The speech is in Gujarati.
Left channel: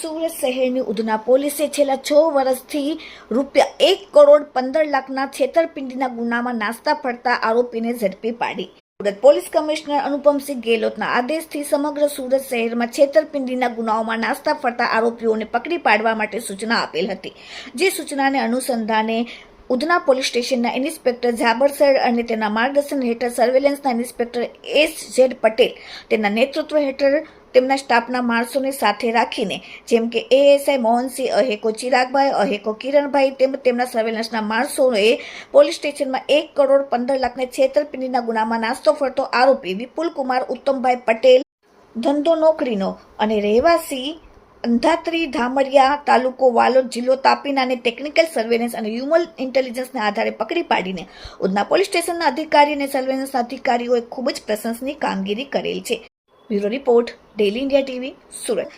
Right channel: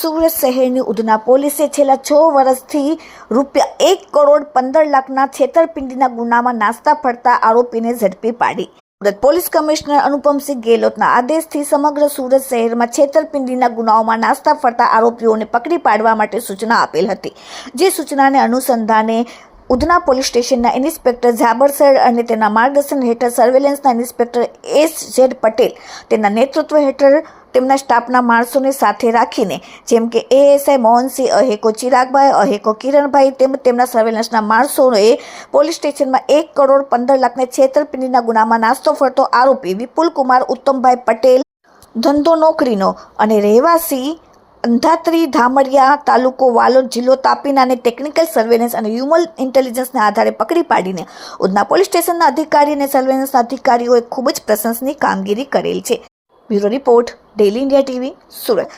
સુરત શહેરની ઉધના પોલીસે છેલ્લા 6 વર્ષથી ₹1,15,00,000ના છેતરપિંડીના ગુનામાં નાસ્તા ફરતા આરોપીને ઝડપી પાડી. સુરત પોલીસ કમિશનર અનુપમસિંહ ગેહલોતના આદેશથી સમગ્ર સુરત શહેરમાં છેતરપિંડીના ગુનાઓમાં નાસ્તા ફરતા આરોપીઓને પકડી પાડવા માટે સૂચના આપેલ હતી. જે સૂચનાને અનુસંધાને ઉધના પોલીસ સ્ટેશનના ઇન્સ્પેક્ટર ઝાબર સર અને તેના માર્ગદર્શન હેઠળ સર્વેલન્સના ઇન્સ્પેક્ટર S.Z. પટેલ તેના નેતૃત્વ હેઠળ તેમના સ્ટાફના માણસોને સાથે રાખીને જેમ કે ASI મોહનસિંહ અહેકો ચિરાગભાઈ અહેકો કિરણભાઈ તેમના સર્વેલન્સના માણસોએ પોલીસ સ્ટેશનમાં ₹1,15,00,000ના છેતરપિંડીના ગુનામાં નાસ્તો ફરતો આરોપી વિપુલકુમાર ઉત્તમભાઈ પટેલ ધંધો નોકરીનો અને રહેવાસી અંધાત્રી ધામરિયા તાલુકો વાલોડ જિલ્લો તાપીનાને ટેકનિકલ સર્વેલન્સ અને હ્યુમન ઇન્ટેલિજન્સના આધારે પકડી પાડીને ઉધના પોલીસ સ્ટેશનના અધિકારી અને સર્વેલન્સના અધિકારીઓએ ખૂબ જ પ્રશંસનીય કામગીરી કરેલ છે. Bureau report, daily India TV, Surat.